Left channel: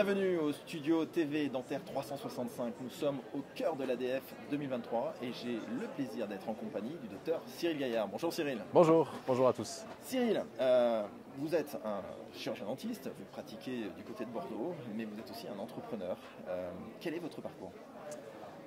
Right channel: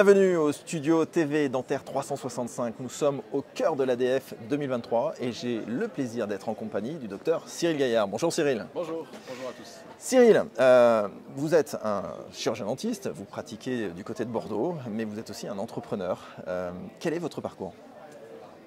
Bienvenue au studio TV Dentaire 365. Nous sommes au cœur de l'ADF 2023 et j'ai le plaisir d'être en compagnie du docteur Cyril Gaillard. Bonjour Cyril. Bonjour à tous. Cyril, vous êtes un chirurgien dentiste, vous pratiquez du côté de Bordeaux, mais vous êtes aussi un entrepreneur. Quel est votre parcours ?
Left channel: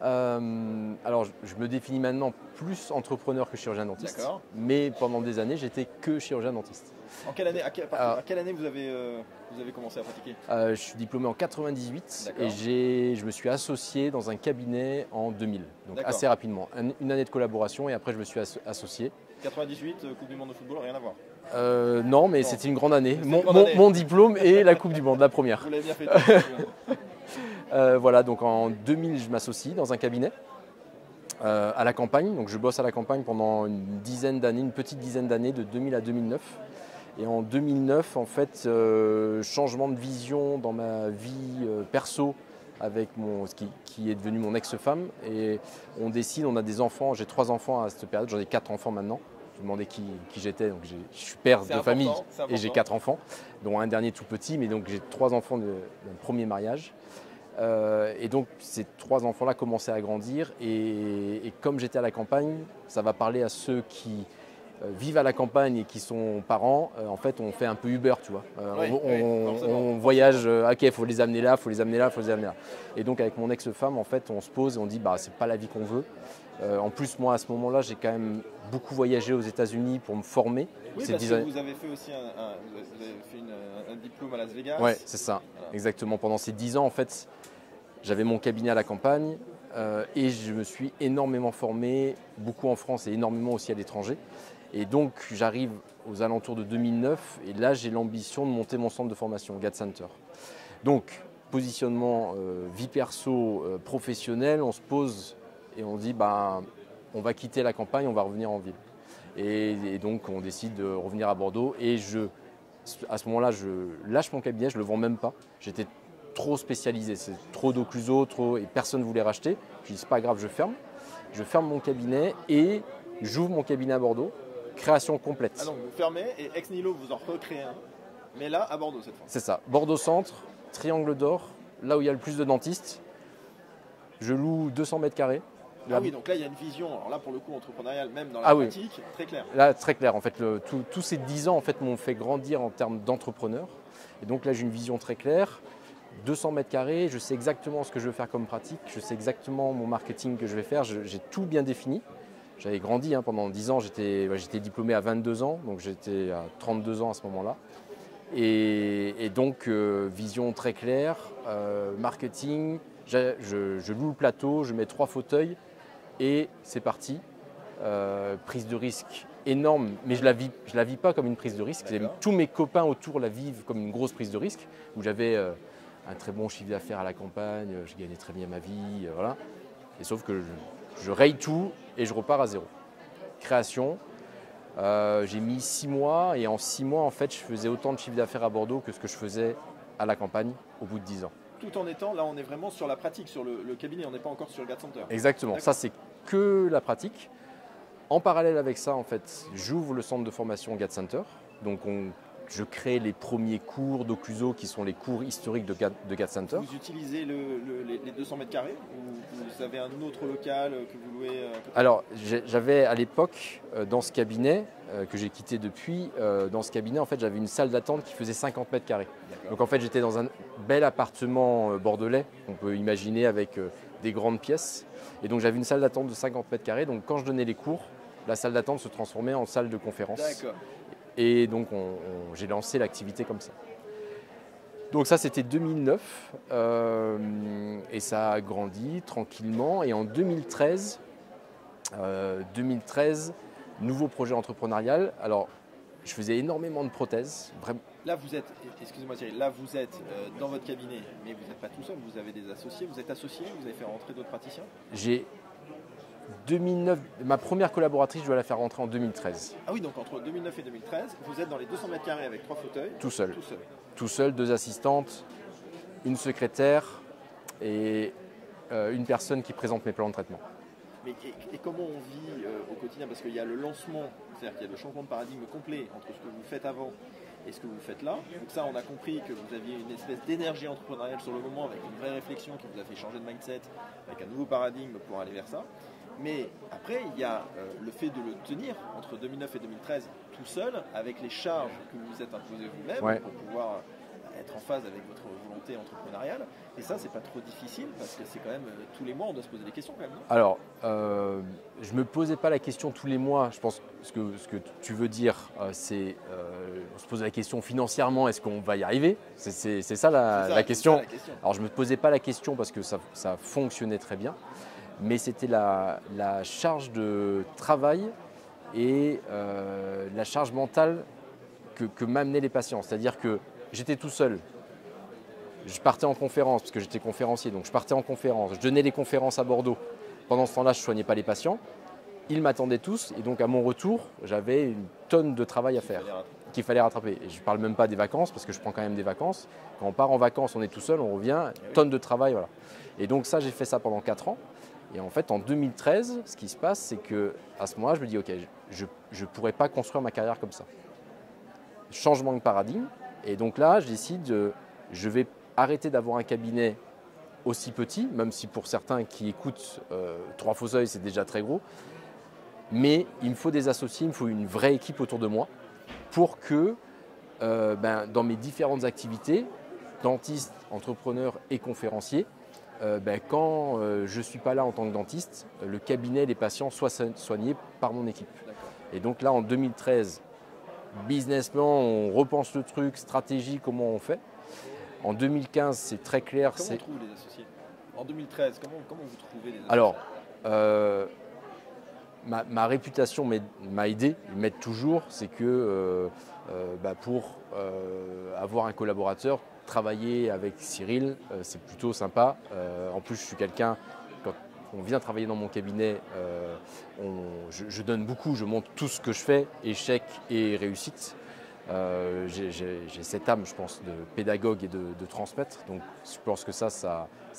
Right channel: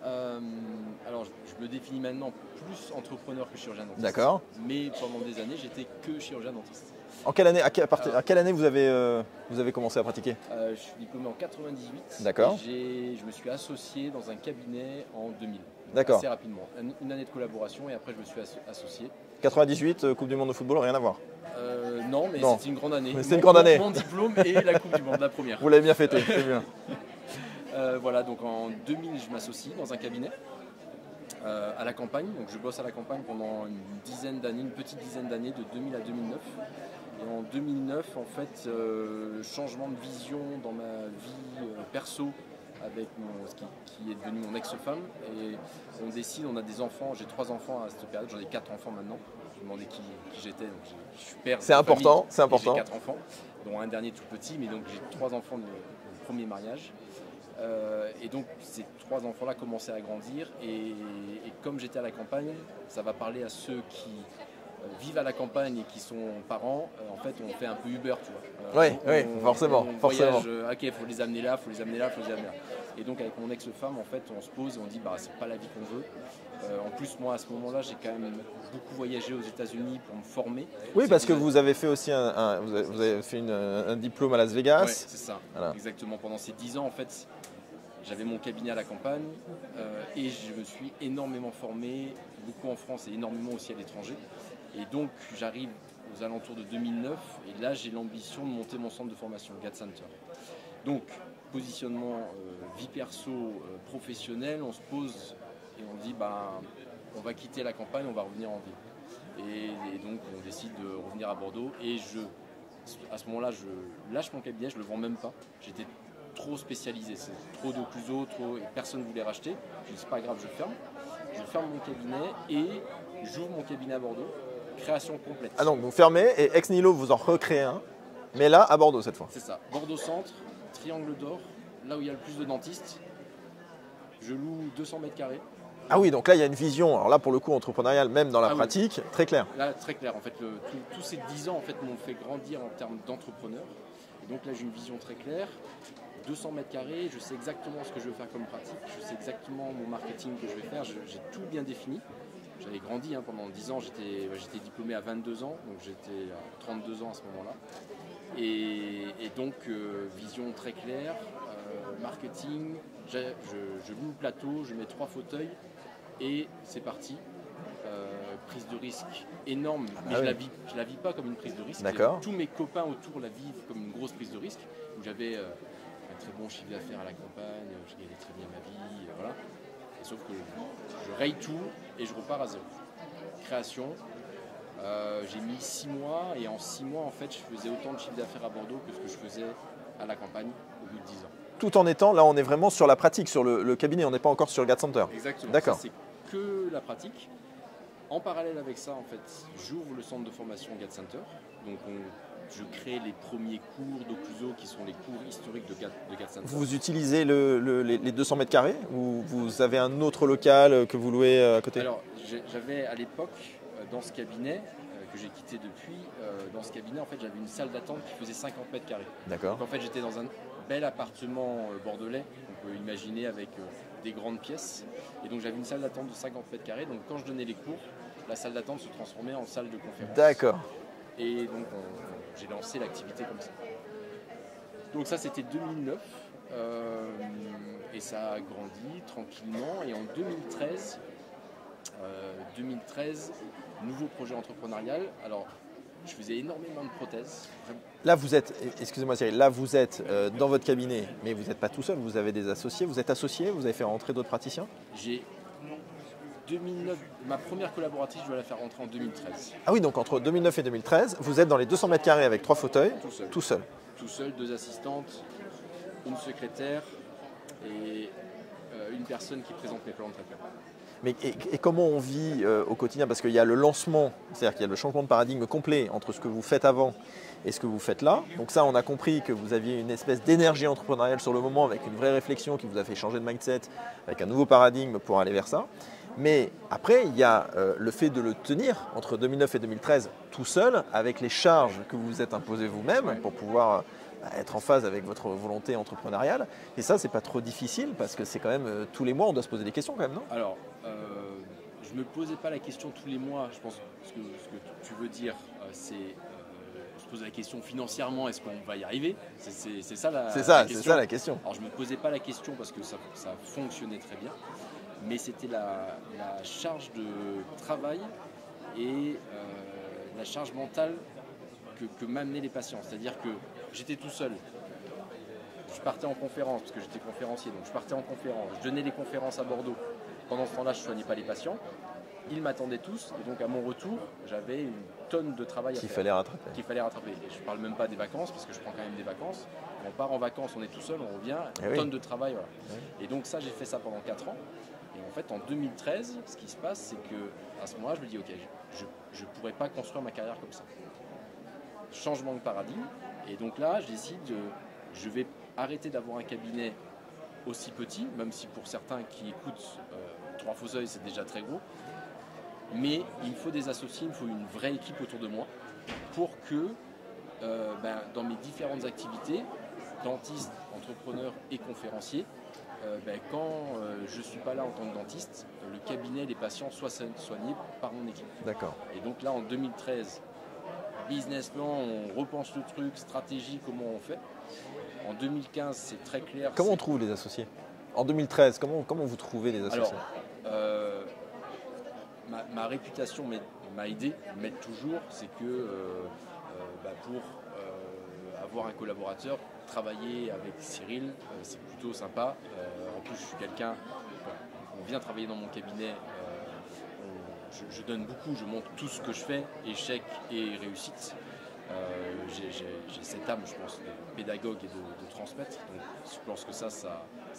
Alors, je me définis maintenant plus entrepreneur que chirurgien dentiste. D'accord. Mais pendant des années, j'étais que chirurgien dentiste. En quelle année, à quelle année vous avez commencé à pratiquer ? Je suis diplômé en 98. D'accord. Et je me suis associé dans un cabinet en 2000. Donc D'accord. assez rapidement. Une année de collaboration et après je me suis associé. 98, Coupe du Monde de football, rien à voir. Non, mais Non. c'était une grande année. C'était une grande année. Mon diplôme et la Coupe du Monde, la première. Vous l'avez bien fait, très bien. Voilà, donc en 2000, je m'associe dans un cabinet à la campagne. Donc je bosse à la campagne pendant une petite dizaine d'années, de 2000 à 2009. Et en 2009, en fait, changement de vision dans ma vie perso avec qui est devenu mon ex-femme. Et on décide, on a des enfants, j'ai 3 enfants à cette période, j'en ai 4 enfants maintenant. Je me demandais qui j'étais, donc je suis père de famille et j'ai 4 enfants, dont un dernier tout petit, mais donc j'ai 3 enfants de mon premier mariage. Et donc ces 3 enfants-là commençaient à grandir et comme j'étais à la campagne, ça va parler à ceux qui vivent à la campagne et qui sont parents. En fait, on fait un peu Uber, tu vois. Forcément. On voyage, ok, il faut les amener là, il faut les amener là, il faut les amener là. Et donc avec mon ex-femme, en fait, on se pose et on dit, bah c'est pas la vie qu'on veut. En plus, moi, à ce moment-là, j'ai quand même beaucoup voyagé aux États-Unis pour me former. Oui, parce que vous avez fait aussi un diplôme à Las Vegas. Oui, c'est ça, voilà. Exactement. Pendant ces 10 ans, en fait, j'avais mon cabinet à la campagne et je me suis énormément formé, beaucoup en France et énormément aussi à l'étranger. Et donc, j'arrive aux alentours de 2009 et là, j'ai l'ambition de monter mon centre de formation, GAD Center. Donc, positionnement vie perso, professionnelle, on se pose et on dit, bah, on va quitter la campagne, on va revenir en ville. Et donc, on décide de revenir à Bordeaux et à ce moment-là, je lâche mon cabinet, je ne le vends même pas. J'étais trop spécialisé, c'est trop d'occluso, et personne ne voulait racheter. Je dis, c'est pas grave, je ferme. Je ferme mon cabinet et j'ouvre mon cabinet à Bordeaux. Création complète. Ah donc vous fermez et ex nihilo vous en recréez un, mais là à Bordeaux cette fois. C'est ça, Bordeaux Centre, Triangle d'Or, là où il y a le plus de dentistes. Je loue 200 mètres carrés. Ah oui, donc là il y a une vision, alors là pour le coup entrepreneuriale, même dans la pratique, oui. Très claire. Là très clair, en fait, tous ces 10 ans en fait, m'ont fait grandir en termes d'entrepreneur. Et donc là j'ai une vision très claire. 200 mètres carrés, je sais exactement ce que je veux faire comme pratique, je sais exactement mon marketing que je vais faire, j'ai tout bien défini. J'avais grandi pendant 10 ans, j'étais diplômé à 22 ans, donc j'étais à 32 ans à ce moment-là. Et donc, vision très claire, marketing, je loue le plateau, je mets 3 fauteuils et c'est parti. Prise de risque énorme, mais je la vis pas comme une prise de risque. Tous mes copains autour la vivent comme une grosse prise de risque, où j'avais un très bon chiffre d'affaires à la campagne, je gagnais très bien ma vie, voilà. Et sauf que je raye tout et je repars à zéro. Création, j'ai mis 6 mois et en 6 mois, en fait, je faisais autant de chiffre d'affaires à Bordeaux que ce que je faisais à la campagne au bout de 10 ans. Tout en étant, là on est vraiment sur la pratique, sur le cabinet, on n'est pas encore sur le GAD Center. Exactement, ça c'est que la pratique. En parallèle avec ça, en fait, j'ouvre le centre de formation GAD Center. Donc je crée les premiers cours d'occluso qui sont les cours historiques de GAD Center. Vous utilisez les 200 mètres carrés ou vous avez un autre local que vous louez à côté ? Alors, j'avais à l'époque, dans ce cabinet, que j'ai quitté depuis, dans ce cabinet, en fait, j'avais une salle d'attente qui faisait 50 mètres carrés. Donc, en fait, j'étais dans un bel appartement bordelais, on peut imaginer avec des grandes pièces. Et donc, j'avais une salle d'attente de 50 mètres carrés. Donc, quand je donnais les cours, la salle d'attente se transformait en salle de conférence. D'accord. Et donc, j'ai lancé l'activité comme ça. Donc ça, c'était 2009 et ça a grandi tranquillement. Et en 2013, nouveau projet entrepreneurial. Alors, je faisais énormément de prothèses. Là, vous êtes, excusez-moi Cyril, là vous êtes dans votre cabinet, mais vous n'êtes pas tout seul, vous avez des associés. Vous êtes associé, vous avez fait rentrer d'autres praticiens ? 2009, ma première collaboratrice, je dois la faire rentrer en 2013. Ah oui, donc entre 2009 et 2013, vous êtes dans les 200 mètres carrés avec 3 fauteuils. Tout seul. Tout seul. Tout seul, 2 assistantes, une secrétaire et une personne qui présente mes plans de traitement. Mais et comment on vit au quotidien? Parce qu'il y a le lancement, c'est-à-dire qu'il y a le changement de paradigme complet entre ce que vous faites avant et ce que vous faites là. Donc ça, on a compris que vous aviez une espèce d'énergie entrepreneuriale sur le moment avec une vraie réflexion qui vous a fait changer de mindset, avec un nouveau paradigme pour aller vers ça. Mais après, il y a le fait de le tenir entre 2009 et 2013 tout seul, avec les charges que vous vous êtes imposées vous-même Ouais. pour pouvoir être en phase avec votre volonté entrepreneuriale. Et ça, c'est pas trop difficile parce que c'est quand même tous les mois, on doit se poser des questions quand même, non? Alors, je ne me posais pas la question tous les mois. Je pense que ce que tu veux dire, c'est on se pose la question financièrement, est-ce qu'on va y arriver? C'est ça la question. C'est ça la question. Alors, je ne me posais pas la question parce que ça fonctionnait très bien, mais c'était la charge de travail et la charge mentale que m'amenaient les patients. C'est-à-dire que j'étais tout seul. Je partais en conférence, parce que j'étais conférencier, donc je partais en conférence. Je donnais des conférences à Bordeaux. Pendant ce temps-là, je ne soignais pas les patients. Ils m'attendaient tous, et donc à mon retour, j'avais une tonne de travail à faire. Qu'il fallait rattraper. Et je ne parle même pas des vacances, parce que je prends quand même des vacances. Quand on part en vacances, on est tout seul, on revient, tonne de travail. Voilà. Et donc ça, j'ai fait ça pendant 4 ans. Et en fait, en 2013, ce qui se passe, c'est qu'à ce moment-là, je me dis, OK, je ne pourrais pas construire ma carrière comme ça. Changement de paradigme. Et donc là, je décide, je vais arrêter d'avoir un cabinet aussi petit, même si pour certains qui écoutent 3 Faux-Oeils, c'est déjà très gros. Mais il me faut des associés, il me faut une vraie équipe autour de moi pour que dans mes différentes activités, dentiste, entrepreneur et conférencier, quand je ne suis pas là en tant que dentiste, le cabinet, les patients soient soignés par mon équipe. D'accord. Et donc là, en 2013, business plan, on repense le truc, stratégie, comment on fait. En 2015, c'est très clair. Comment on trouve les associés? En 2013, comment vous trouvez les associés? Alors, ma réputation m'a aidé, m'aide toujours, c'est que pour avoir un collaborateur, travailler avec Cyril, c'est plutôt sympa. En plus, je suis quelqu'un, quand on vient travailler dans mon cabinet, je donne beaucoup, je montre tout ce que je fais, échec et réussite. J'ai cette âme, je pense, de pédagogue et de transmettre. Donc, je pense que ça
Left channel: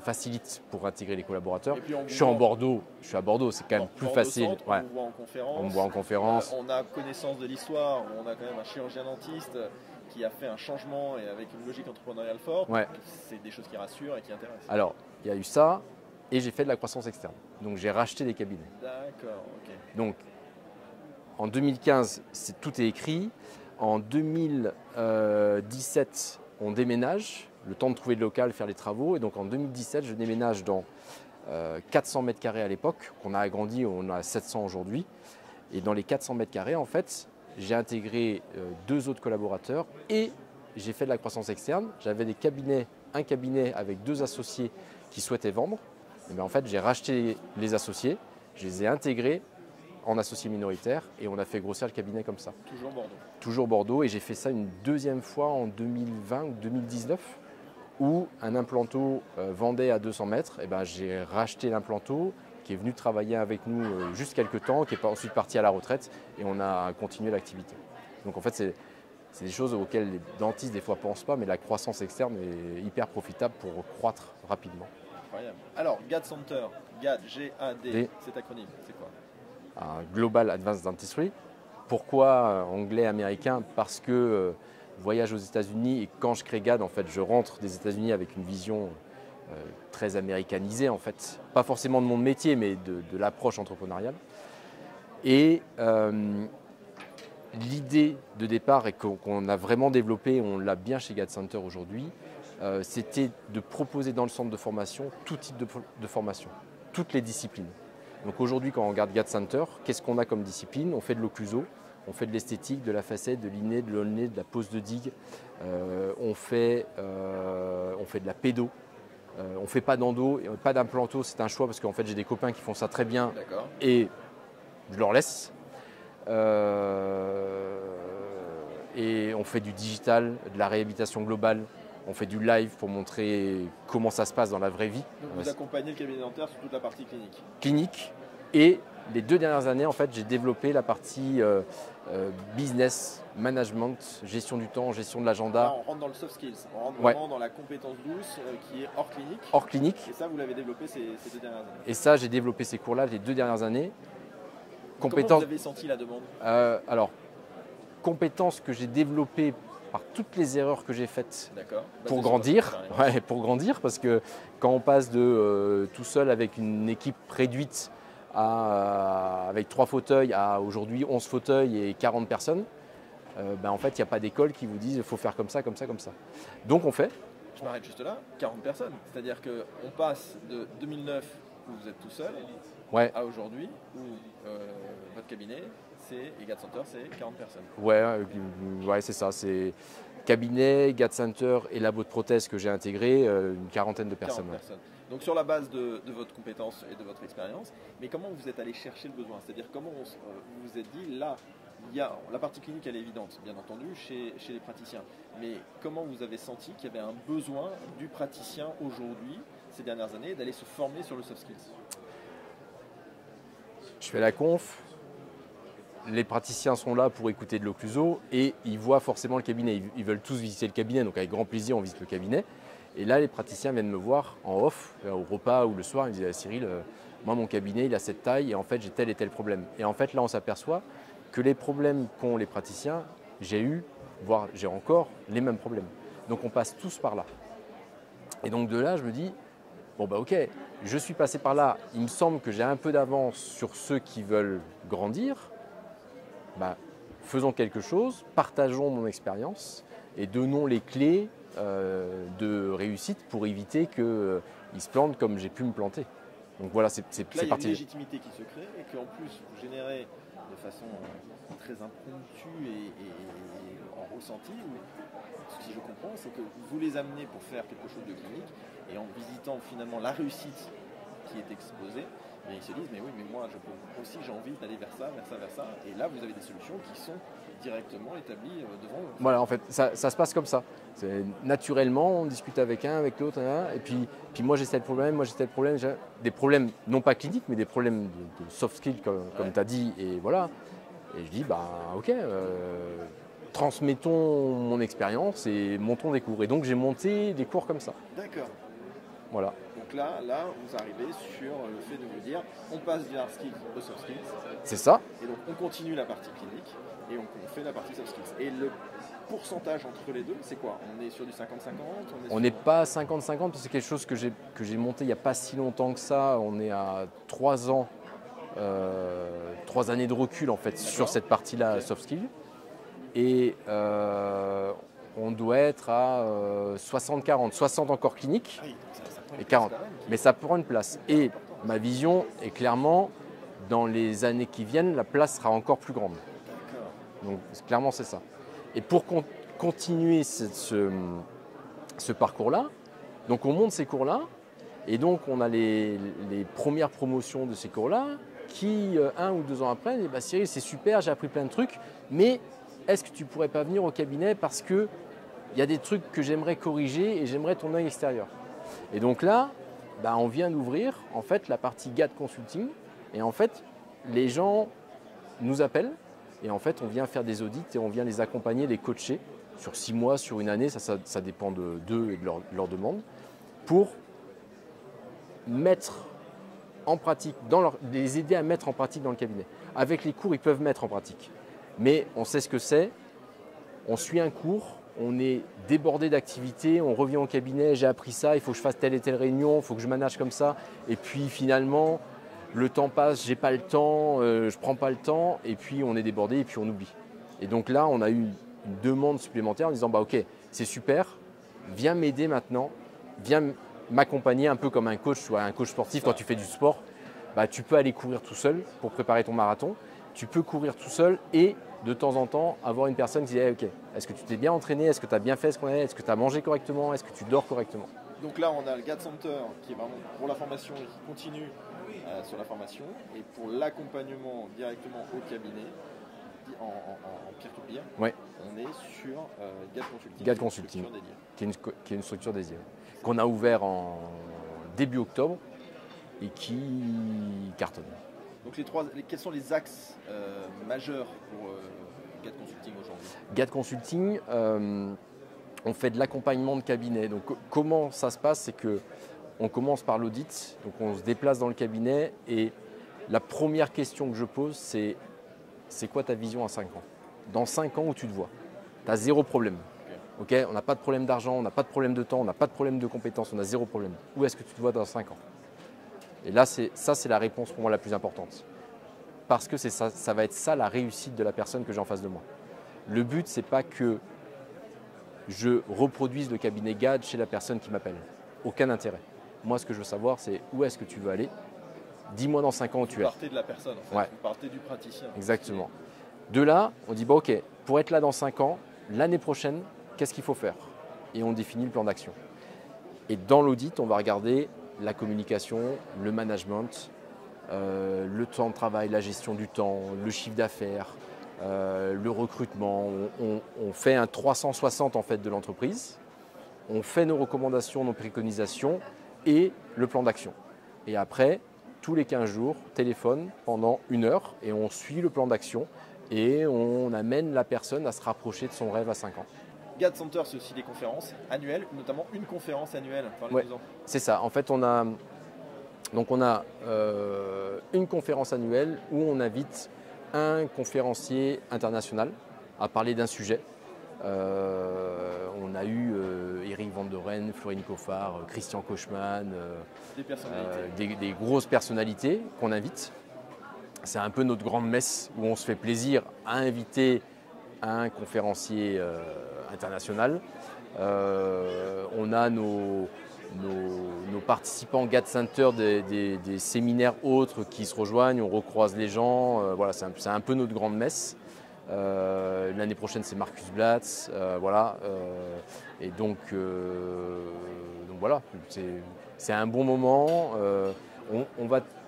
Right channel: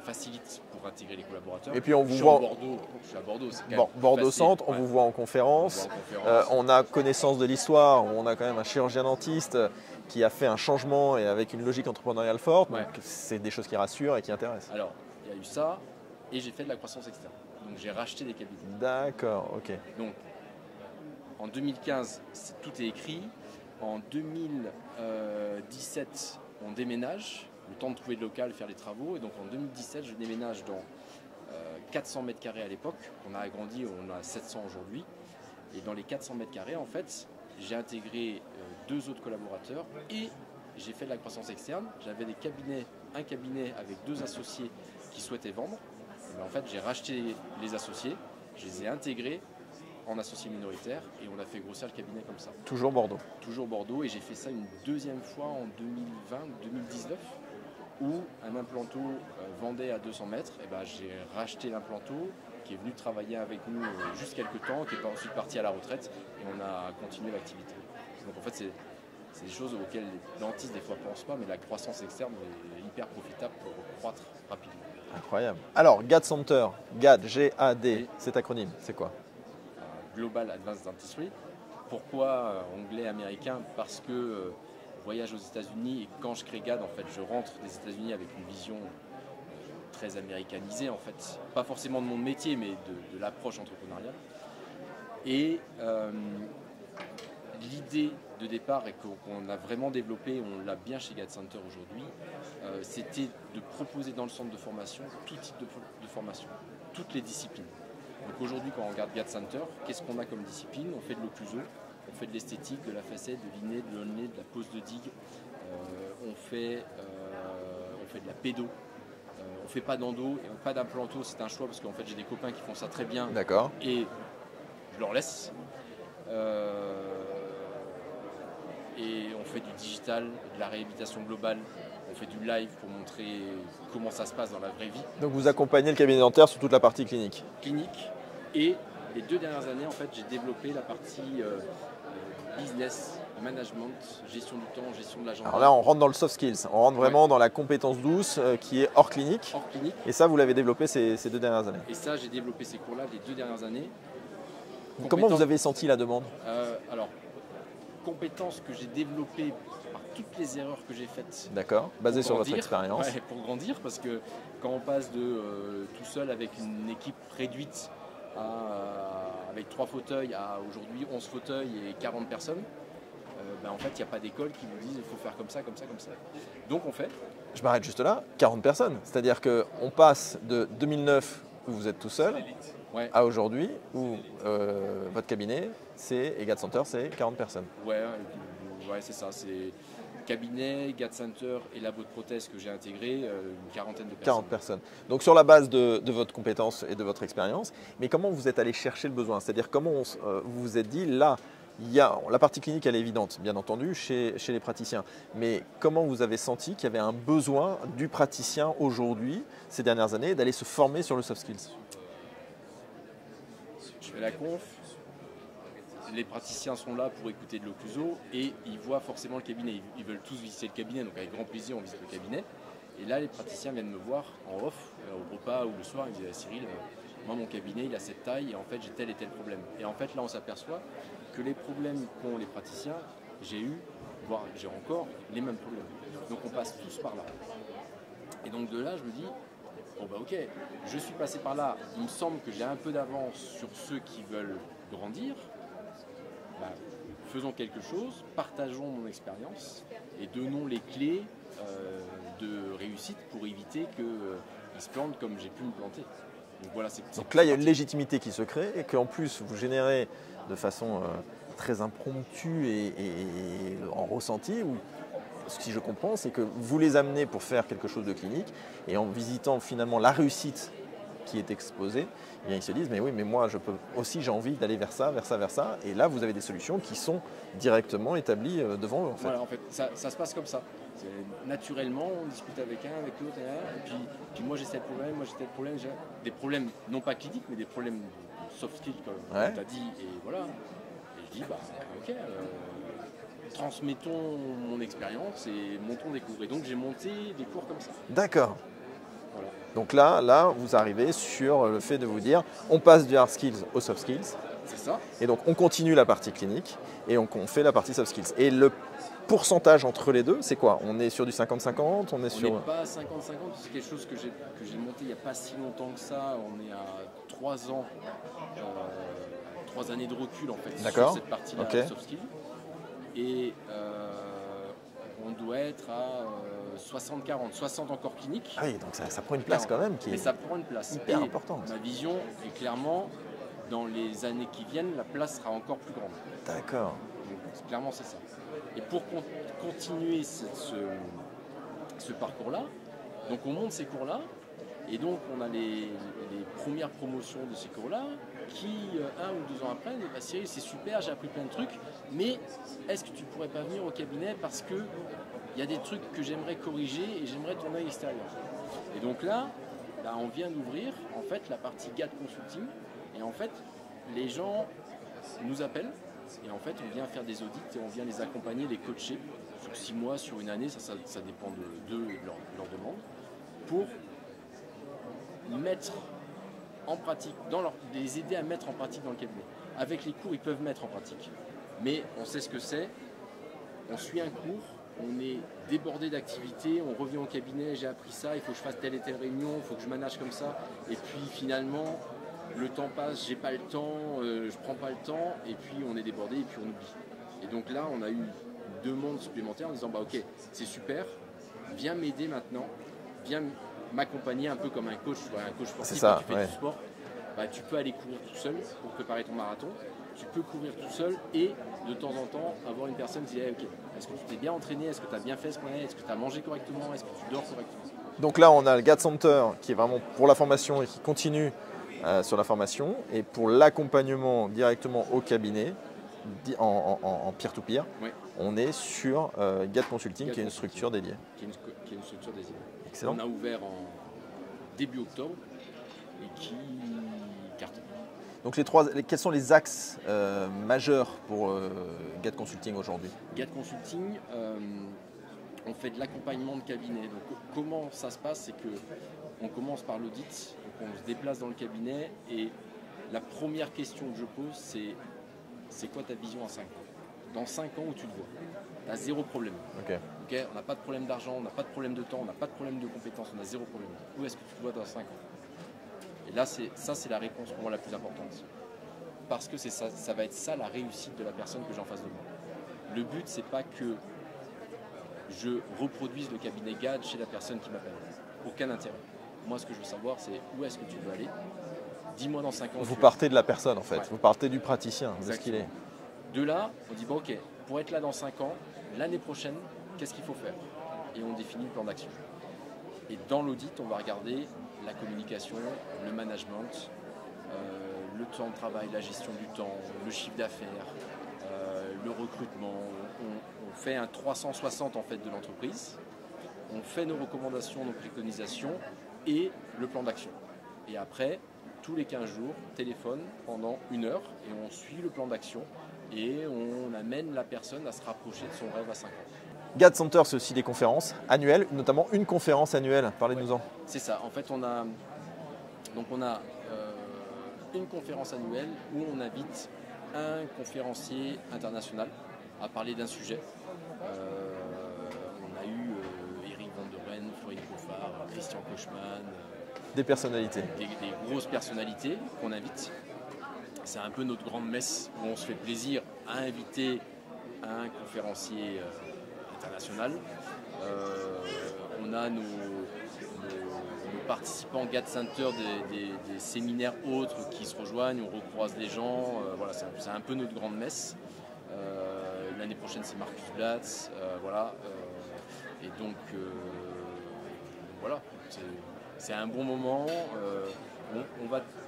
facilite pour intégrer les collaborateurs. Et puis on vous je suis à Bordeaux, c'est quand même plus Bordeaux facile. Centre, on vous voit en conférence. On voit en conférence. On a connaissance de l'histoire, on a quand même un chirurgien dentiste qui a fait un changement et avec une logique entrepreneuriale forte. Ouais. Donc c'est des choses qui rassurent et qui intéressent. Alors, il y a eu ça et j'ai fait de la croissance externe. Donc, j'ai racheté des cabinets. D'accord, ok. Donc, en 2015, tout est écrit. En 2017, on déménage, le temps de trouver le local, faire les travaux. Et donc en 2017, je déménage dans 400 mètres carrés à l'époque, qu'on a agrandi, on a 700 aujourd'hui. Et dans les 400 mètres carrés, en fait, j'ai intégré 2 autres collaborateurs et j'ai fait de la croissance externe. J'avais un cabinet avec 2 associés qui souhaitaient vendre. Et bien en fait, j'ai racheté les associés, je les ai intégrés en associé minoritaire et on a fait grossir le cabinet comme ça. Toujours Bordeaux. Toujours Bordeaux et j'ai fait ça une 2e fois en 2020 ou 2019 où un implanto vendait à 200 mètres. Et ben, j'ai racheté l'implanto qui est venu travailler avec nous juste quelques temps, qui est ensuite parti à la retraite et on a continué l'activité. Donc en fait, c'est des choses auxquelles les dentistes des fois ne pensent pas, mais la croissance externe est hyper profitable pour croître rapidement. Incroyable. Alors, GAD Center, GAD, G-A-D, cet acronyme, c'est quoi? Un Global Advanced Dentistry. Pourquoi anglais, américain? Parce que voyage aux États-Unis et quand je crée GAD, en fait, je rentre des États-Unis avec une vision très américanisée, en fait. Pas forcément de mon métier, mais de l'approche entrepreneuriale. Et l'idée de départ et qu'on a vraiment développé, on l'a bien chez GAD Center aujourd'hui, c'était de proposer dans le centre de formation tout type de formation, toutes les disciplines. Donc aujourd'hui, quand on regarde GAD Center, qu'est-ce qu'on a comme discipline? On fait de l'occluso, on fait de l'esthétique, de la facette, de l'inné, de l'olné, de la pose de digue, on fait de la pédo, on fait pas d'endo, pas d'implanto, c'est un choix parce qu'en fait j'ai des copains qui font ça très bien. D'accord. Et je leur laisse. Et on fait du digital, de la réhabilitation globale. On fait du live pour montrer comment ça se passe dans la vraie vie. Donc vous accompagnez le cabinet dentaire sur toute la partie clinique. Clinique. Et les 2 dernières années, en fait, j'ai développé la partie business, management, gestion du temps, gestion de l'agenda. Alors là, on rentre dans le soft skills, on rentre vraiment dans la compétence douce qui est hors clinique. Hors clinique. Et ça, vous l'avez développé ces 2 dernières années. Et ça, j'ai développé ces cours-là les 2 dernières années. Comment vous avez senti la demande? Alors, compétences que j'ai développées par toutes les erreurs que j'ai faites. D'accord. Pour grandir. Ouais, pour grandir, parce que quand on passe de tout seul avec une équipe réduite avec 3 fauteuils à aujourd'hui 11 fauteuils et 40 personnes, en fait, il n'y a pas d'école qui vous dise qu'il faut faire comme ça, comme ça, comme ça. Donc on fait. Je m'arrête juste là, 40 personnes. C'est-à-dire qu'on passe de 2009 où vous êtes tout seul à aujourd'hui où votre cabinet et GAD Center, c'est 40 personnes. Ouais, c'est ça. C'est cabinet, GAD Center et labo de prothèse que j'ai intégré, une quarantaine de personnes. 40 personnes. Donc sur la base de votre compétence et de votre expérience, mais comment vous êtes allé chercher le besoin? C'est-à-dire comment vous vous êtes dit, là, la partie clinique, elle est évidente, bien entendu, chez les praticiens. Mais comment vous avez senti qu'il y avait un besoin du praticien aujourd'hui, ces dernières années, d'aller se former sur le soft skills? Je fais la conf. Les praticiens sont là pour écouter de l'occluso et ils voient forcément le cabinet. Ils veulent tous visiter le cabinet, donc avec grand plaisir, on visite le cabinet. Et là, les praticiens viennent me voir en off, au repas ou le soir. Ils me disent ah, Cyril, moi, mon cabinet, il a cette taille et en fait, j'ai tel et tel problème. Et en fait, là, on s'aperçoit que les problèmes qu'ont les praticiens, j'ai eu, voire j'ai encore les mêmes problèmes. Donc, on passe tous par là. Et donc, de là, je me dis bon, ok, je suis passé par là. Il me semble que j'ai un peu d'avance sur ceux qui veulent grandir. Faisons quelque chose, partageons mon expérience et donnons les clés de réussite pour éviter qu'ils se plantent comme j'ai pu me planter. Donc voilà, Donc là, il y a une légitimité qui se crée et qu'en plus, vous générez de façon très impromptue et en ressenti. Si je comprends, c'est que vous les amenez pour faire quelque chose de clinique et en visitant finalement la réussite qui est exposée, eh bien, ils se disent mais oui, mais moi je peux aussi, j'ai envie d'aller vers ça, vers ça, vers ça. Et là, vous avez des solutions qui sont directement établies devant eux. Voilà, en fait, ça se passe comme ça. Naturellement, on discute avec un, avec l'autre, et puis moi j'ai tel problème, moi j'ai tel problème, j'ai des problèmes non pas cliniques, mais des problèmes de soft skills comme tu as dit, et voilà. Et je dis ok, transmettons mon expérience et montons des cours. Et donc j'ai monté des cours comme ça. D'accord. Voilà. Donc là, vous arrivez sur le fait de vous dire, on passe du hard skills au soft skills. C'est ça. Et donc on continue la partie clinique et on fait la partie soft skills. Et le pourcentage entre les deux, c'est quoi? On est sur du 50-50? On n'est pas à 50-50 parce que c'est quelque chose que j'ai monté il n'y a pas si longtemps que ça. On est à 3 ans, 3 années de recul en fait sur cette partie-là, soft skills. Et on doit être à 60-40, 60 encore clinique. Ah oui, donc ça prend une place 40. Quand même. Mais ça prend une place. Et importante. Ma vision est clairement, dans les années qui viennent, la place sera encore plus grande. D'accord. Donc clairement, c'est ça. Et pour continuer ce parcours-là, donc on monte ces cours-là, et donc on a les premières promotions de ces cours-là, qui 1 ou 2 ans après, disent Cyril, c'est super, j'ai appris plein de trucs, mais est-ce que tu pourrais pas venir au cabinet parce qu'il y a des trucs que j'aimerais corriger et j'aimerais ton œil extérieur. Et donc là, on vient d'ouvrir en fait la partie GAD Consulting, et en fait les gens nous appellent et en fait on vient faire des audits et on vient les accompagner, les coacher sur 6 mois, sur une année, ça dépend d'eux et de leur demande, pour mettre en pratique, les aider à mettre en pratique dans le cabinet. Avec les cours, ils peuvent mettre en pratique. Mais on sait ce que c'est, on suit un cours, on est débordé d'activités, on revient au cabinet, j'ai appris ça, il faut que je fasse telle et telle réunion, il faut que je manage comme ça. Et puis finalement, le temps passe, j'ai pas le temps, je prends pas le temps, et puis on est débordé et puis on oublie. Et donc là, on a eu une demande supplémentaire en disant ok, c'est super, viens m'aider maintenant, viens m'accompagner un peu comme un coach, un coach sportif. Quand tu fais du sport, tu peux aller courir tout seul pour préparer ton marathon. Tu peux courir tout seul et de temps en temps avoir une personne qui dit ok, est-ce que tu t'es bien entraîné, est-ce que tu as bien fait ce qu'on est, est-ce que tu as mangé correctement, est-ce que tu dors correctement. Donc là, on a le GAD Center qui est vraiment pour la formation et qui continue sur la formation, et pour l'accompagnement directement au cabinet en peer-to-peer, on est sur GAD Consulting, qui est une structure dédiée. Qui est une structure dédiée. On a ouvert en début octobre et qui cartonne. Donc quels sont les axes majeurs pour GAD Consulting aujourd'hui? GAD Consulting, on fait de l'accompagnement de cabinet. Donc comment ça se passe? C'est qu'on commence par l'audit, donc on se déplace dans le cabinet et la première question que je pose, c'est quoi ta vision à 5 ans? Dans 5 ans où tu te vois? Tu as zéro problème. Ok, on n'a pas de problème d'argent, on n'a pas de problème de temps, on n'a pas de problème de compétences, on a zéro problème. Où est-ce que tu te vois dans 5 ans? Et là, c'est la réponse pour moi la plus importante. Parce que ça va être ça la réussite de la personne que j'ai en face de moi. Le but, c'est pas que je reproduise le cabinet GAD chez la personne qui m'appelle. Aucun intérêt. Moi, ce que je veux savoir, c'est où est-ce que tu veux aller. Dis-moi dans 5 ans où tu es. Vous partez de la personne en fait, Ouais. vous partez du praticien. Exactement. De là, on dit, bon, ok, pour être là dans 5 ans, l'année prochaine, qu'est-ce qu'il faut faire? Et on définit le plan d'action. Et dans l'audit, on va regarder la communication, le management, le temps de travail, la gestion du temps, le chiffre d'affaires, le recrutement. On fait un 360 en fait de l'entreprise. On fait nos recommandations, nos préconisations et le plan d'action. Et après, tous les 15 jours, téléphone pendant 1 heure et on suit le plan d'action et on amène la personne à se rapprocher de son rêve à 5 ans. GAD Center, c'est aussi des conférences annuelles, notamment une conférence annuelle. Parlez-nous-en. C'est ça. En fait, on a une conférence annuelle où on invite un conférencier international à parler d'un sujet. On a eu Eric Van der Ren, Florine Coffard, Christian Kochman, Des personnalités. des grosses personnalités qu'on invite. C'est un peu notre grande messe où on se fait plaisir à inviter un conférencier international. On a nos participants GAD Center des séminaires autres qui se rejoignent, on recroise les gens. Voilà, c'est un peu notre grande messe. L'année prochaine, c'est Marcus Blatz. Voilà. Et donc voilà, c'est un bon moment.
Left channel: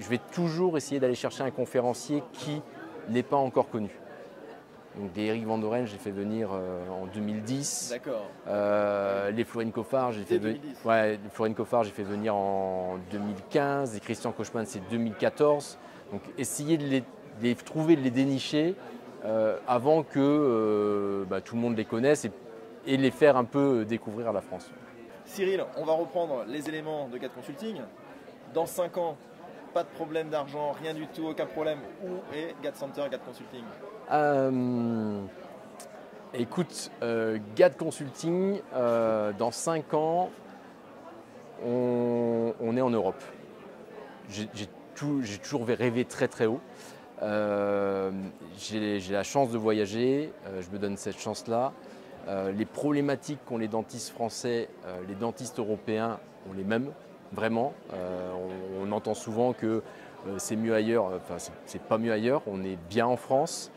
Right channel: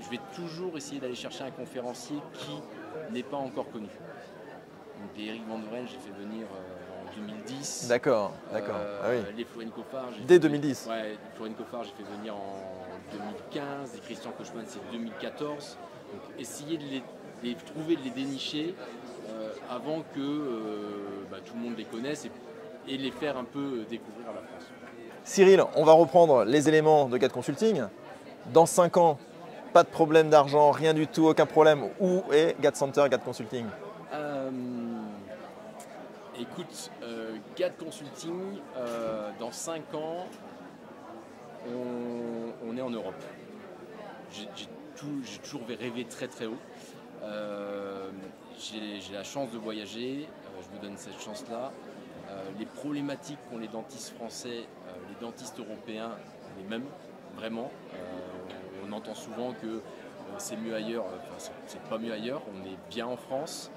Je vais toujours essayer d'aller chercher un conférencier qui n'est pas encore connu. Donc des Eric Van der Ren, j'ai fait venir en 2010. D'accord. Les Florine Coffard, Dès 2010. Ouais, les Florine Coffard, j'ai fait venir en 2015. Et Christian Kochman, c'est 2014. Donc essayer de les trouver, de les dénicher avant que tout le monde les connaisse et les faire un peu découvrir à la France. Cyril, on va reprendre les éléments de GAD Consulting. Dans 5 ans, pas de problème d'argent, rien du tout, aucun problème. Où est GAD Center, GAD Consulting? Écoute, GAD Consulting, dans 5 ans, on est en Europe. J'ai toujours rêvé très très haut. J'ai la chance de voyager, je me donne cette chance-là. Les problématiques qu'ont les dentistes français, les dentistes européens ont les mêmes, vraiment. On entend souvent que c'est mieux ailleurs, enfin c'est pas mieux ailleurs, on est bien en France.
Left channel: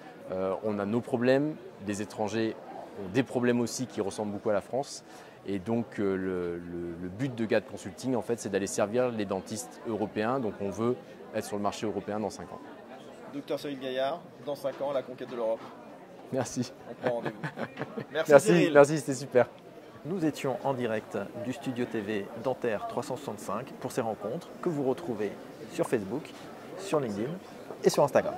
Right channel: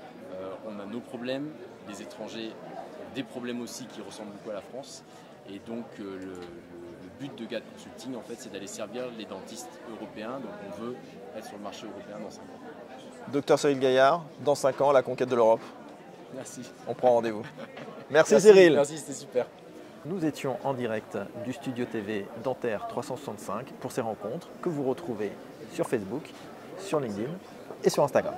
On a nos problèmes, des étrangers ont des problèmes aussi qui ressemblent beaucoup à la France. Et donc le but de GAD Consulting, en fait, c'est d'aller servir les dentistes européens. Donc on veut être sur le marché européen dans 5 ans. Docteur Cyril Gaillard, dans 5 ans, la conquête de l'Europe. Merci. On prend rendez-vous. Merci Cyril. Merci, c'était super. Nous étions en direct du studio TV Dentaire 365 pour ces rencontres que vous retrouvez sur Facebook, sur LinkedIn et sur Instagram.